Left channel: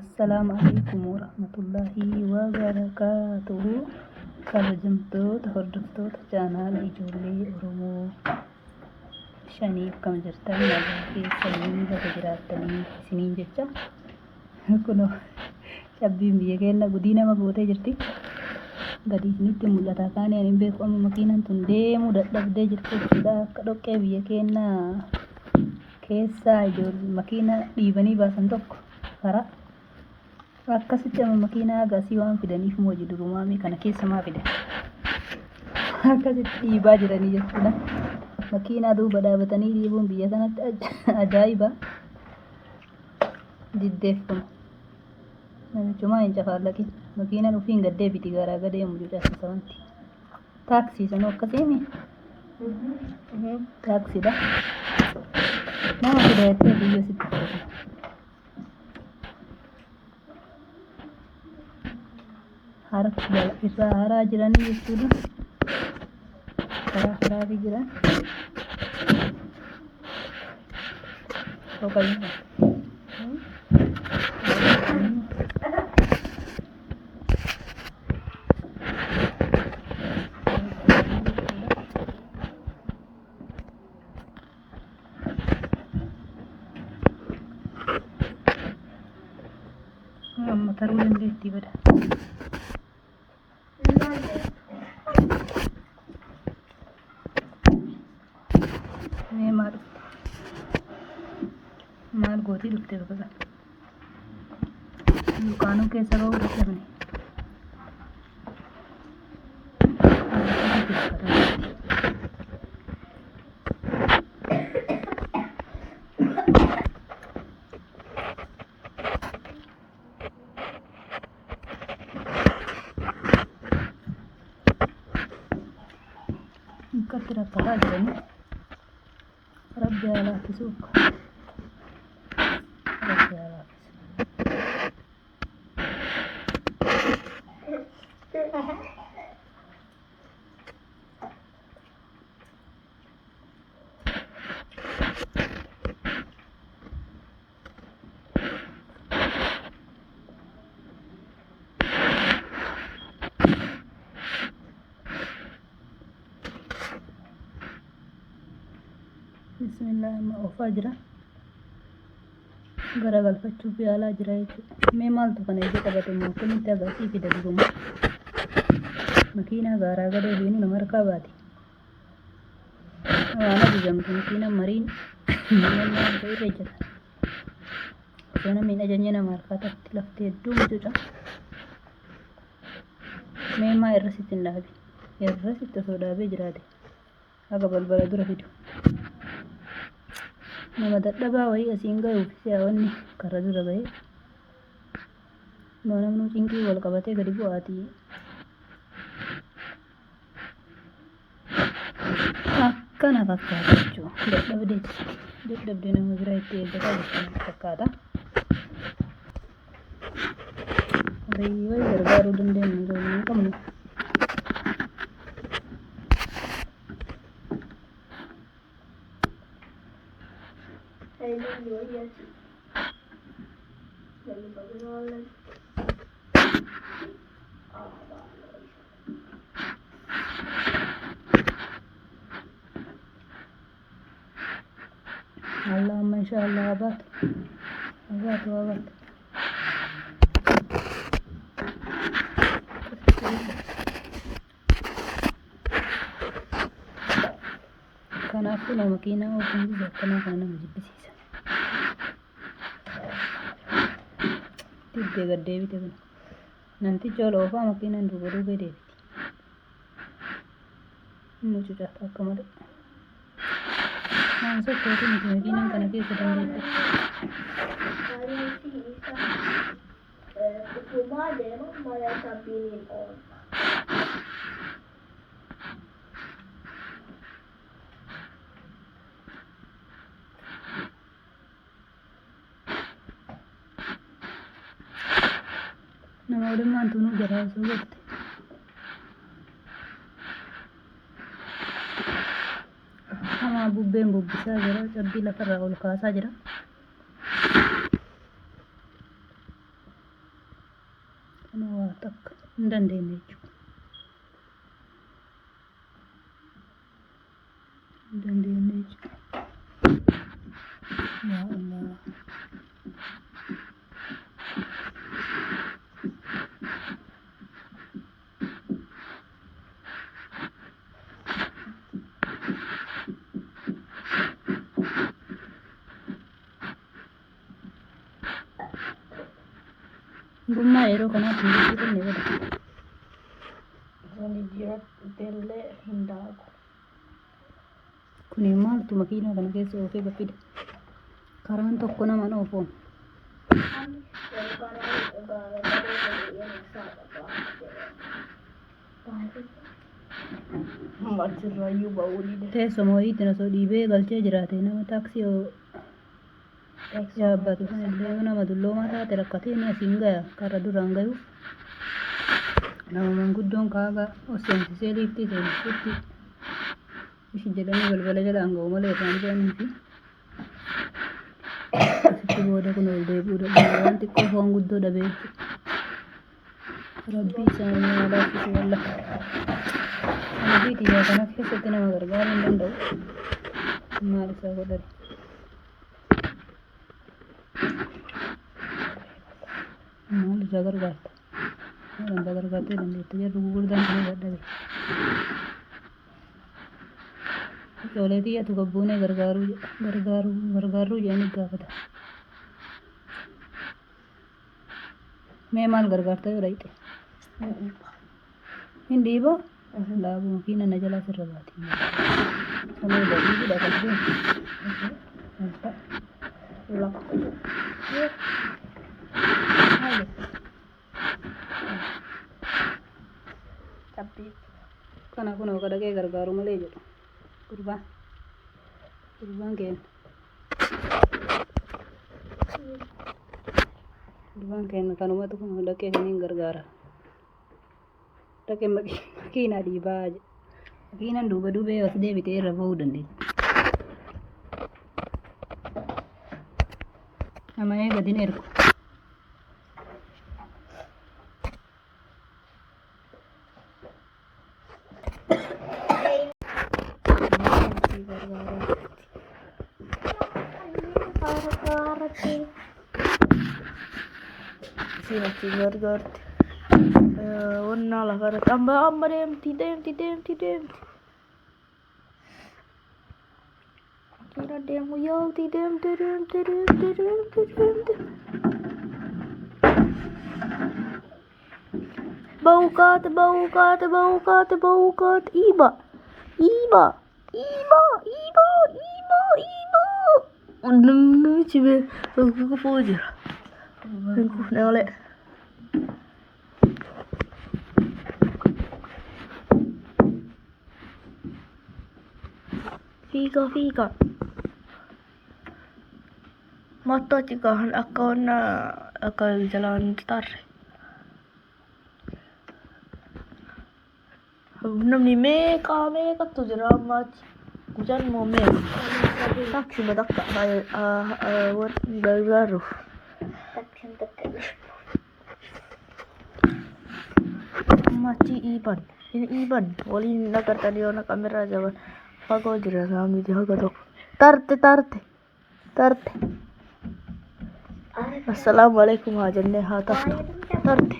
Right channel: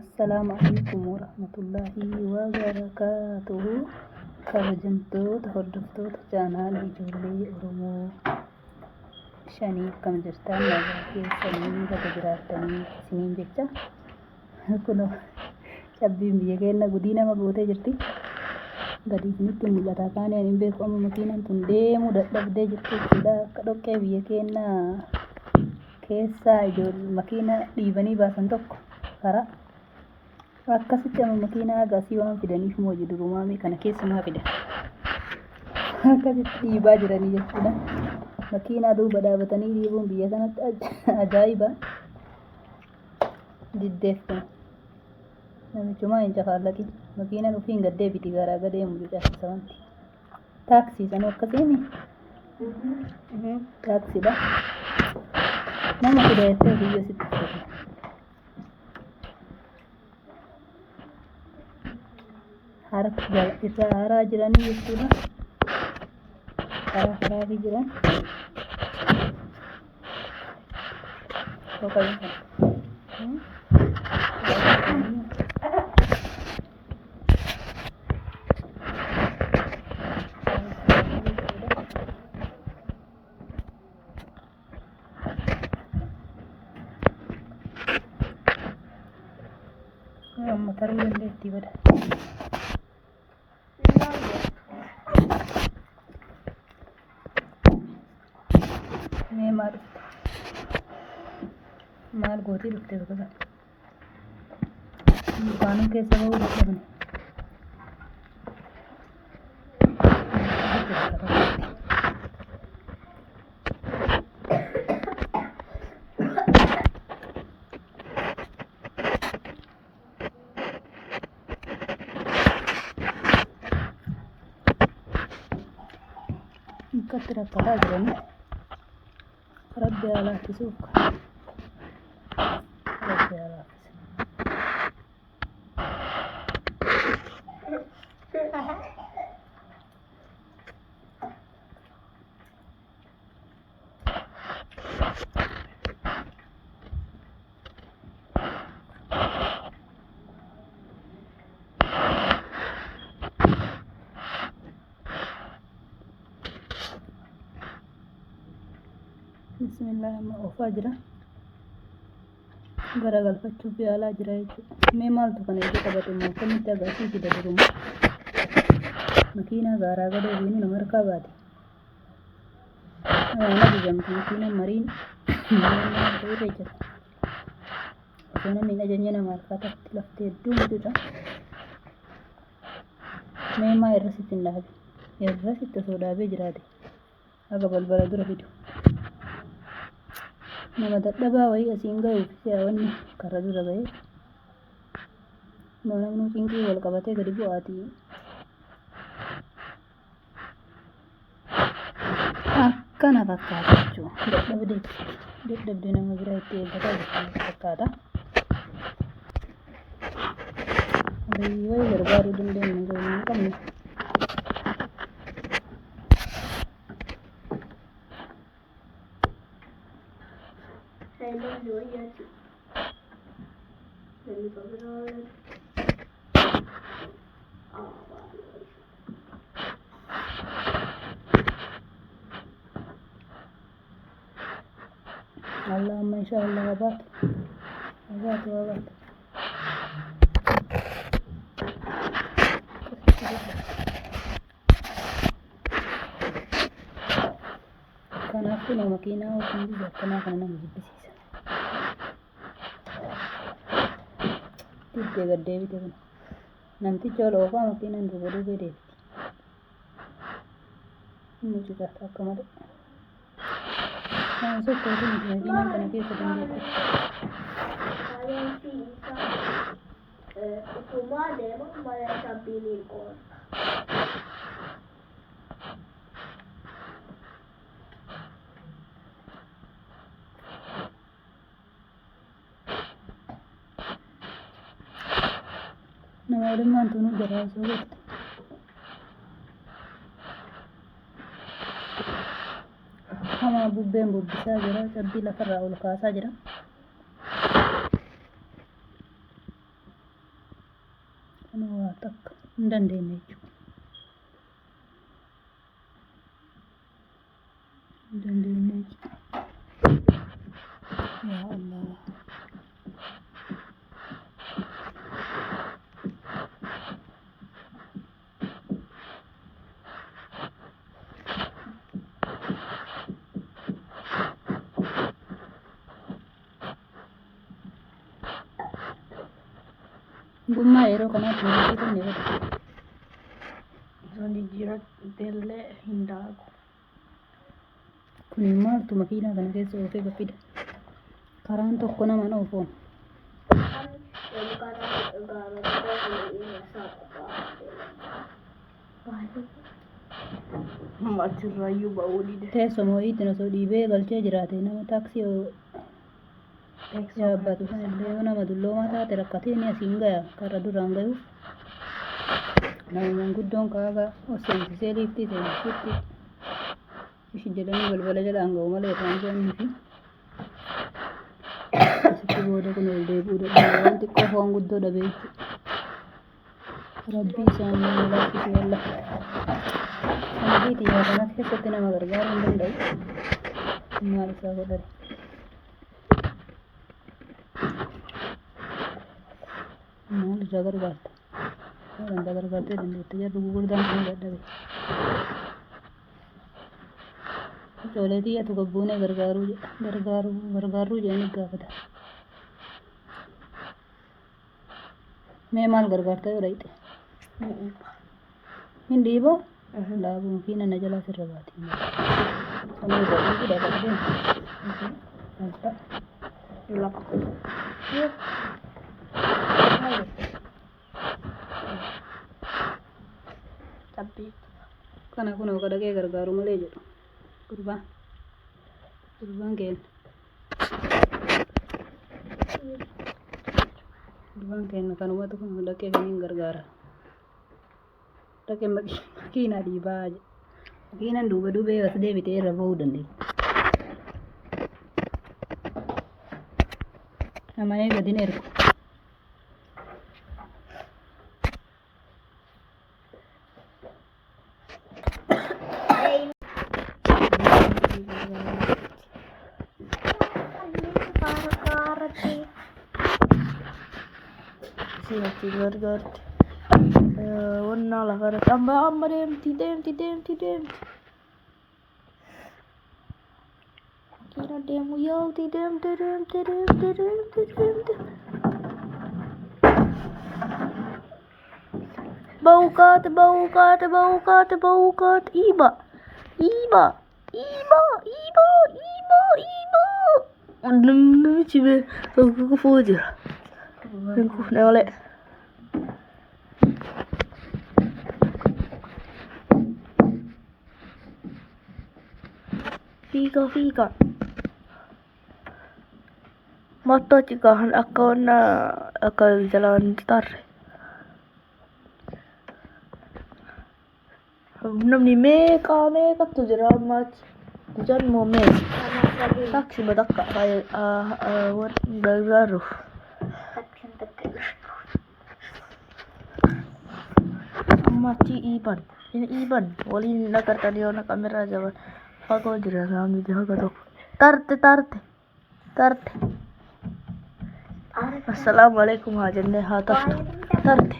السلام عليكم ورحمة الله وبركاته. kabajamtoota hordoftoota chaanaalii ijoollee Oromoo shaniif kam jirtan nagaa keessanii bakka jiraattanii isiniin jecha kunoo cabbiin biyya keenya gudii nama gootee jirti. Gadi isinitti mul'ata kaanii ani hin beeku amma makiinaan tun deemuu dadhabdee jirti jechuudha. Akka dhoqqee biyya keenya keessaa makiina dhiibanii baasan tokko karaa akkasitti amma makiinaa agasii waan fidaniif moo durumaamii kana keessa maa fidan akkasitti dhiibaa jiranii jechuudha. Makiinaa duuba dhaabatanii dhiibuun biyya kanatti ajaa'iba. Diddeef kun namichumaa hin cafaallaqin makiinaan ufiin gaddee biti garaa gadeemu cucaasisa wanti taaksii sanuu akkasiimi taaksiidha nama fida jettee biyya sitti fudhatama. Irraa haraa jiranii jechuudha. Karaa haraafi jiran amma taruu dandeettii bada. Maal gootii dhuftee bakka kana dukaanuu keessa bahuu dadhabne akkatti rakkataa jiranii rabbi haa laaffisuuf. Bismillah amma oofaa jira. Garagalfachuuf yaalaa jira jechuudha. Mee maaltu kana ija qabate moo akkamitti agarsiisida duruma makiinaa gaaraa gadee fiinu nama harkaa baate waan ajajamtu makiinaan mariin miidhannaa adda irra jira. Osoo namni hin ajajne nama harkaa tatti laftee hedduu mucuudha. Mee maa irra sitti hin dhaabe irra sitti osoo dhaabee jiraate haga balbala dura fidu. Nama dadhabaa wayii asiin ga'uuf siyaawwanni karra dura ga'ee namni cinqii wal qabatee gadi bu'aatii akkana fakkaata jechuudha. Dadhabdee nama biraa itti eeggataa jirtu fakkaata. Wayii gargaaruu dandeenyu garuu hin qabnu. Allahumma inshallah abad. Kanaafuu nama makiinaa ofiin biyya akkanaa kana nama jibbisiisa. Diddee gaddee bite kun namticha ol oofaa makiinaan duuba duubee deebiti. Mucucaata akka malee. Waan sochootu miti makiinaan kana keessa dandeette. Haadhummaan tunuu jaraa soo golte. Hamaa bubbeen bubbisaa jira. Cabbii lafarraa ol kaasaa jira. Kana waa takka hin dandeenye jechuudha. Hin dandeenye jechuudha. Yaa Allah. Gummaa yeroo kanaatti hojii kenne godha. Isaan jijjiirrattellee hin daaku. Kun maaltu makiinaa kana keessa oofee gabbida. Karaan tokko nama oofoon. Achirraayyuu ba'uu dide. Teessuma wayiitiin osoo dhiibee galchee jiraate nama taaksii yaabbatu sanillee yoo nama dulloomaa taate rakkatee ni asiin gaya karra duraan gayu. Nama manguddoon kaagaa seensisee liiftii seensisutti ishi jedhanii balbala jalaan ga'u malee irraan bu'anii fi asitti booda kun ol deebi'uu dadhabe waan xiqqoo foon guddoo dhabee jechuudha. Rabbii isaanii laaffisuu walla. Kana fi xiyyaa kanas keessatti nama gargaaruu hin danda'u. Maal isaa godhani. Maal irraa gargaarta? Maal irraa gargaartee dandeetta? Jarri gurguddaan kun dadhabe. Ijoollee xiyyatu gabbuunee gargaaruu jedhanii gaafata. Mee maal gargaarta yoo dhayxe? Hin dhiiboo? Laabuu makiina na jalaa sirra baatiin. Kanuu badii fi dhaqatee. Wanta. Lafa. Maal Cabbii. kana kunoo kadhaqee gargaaru malee jedhu. Gurbaan keenya. Gurbaan keenya kanumatu kun dhaqee kaniin gargaara. Dhaqee makiinaa dhiibaa jedha. Makiinaan duuba duubee as deebitee irra ba'uu dandeenya. Nama eegatiin ergu. Siinatti gargaarti. Wannaa lafarratti amma deemti. Makiina deemu yaa'uti deemte. Baukaat. Iba. Namichi bee kufuu jira. Hin kufne malee. Fiigaa. Mattoo cikahan akka jalaan tarre. Namni meeqatu jira amma achi. Jannoo meeqa. Taksi batakka gargaaruuf. Amma achi iban waliin nagartan yoo naqamirraa jaban fagoo jira saamiti haga tokko. Tarte. Assalamu alaikum haa jennee haa taftu. Tarte.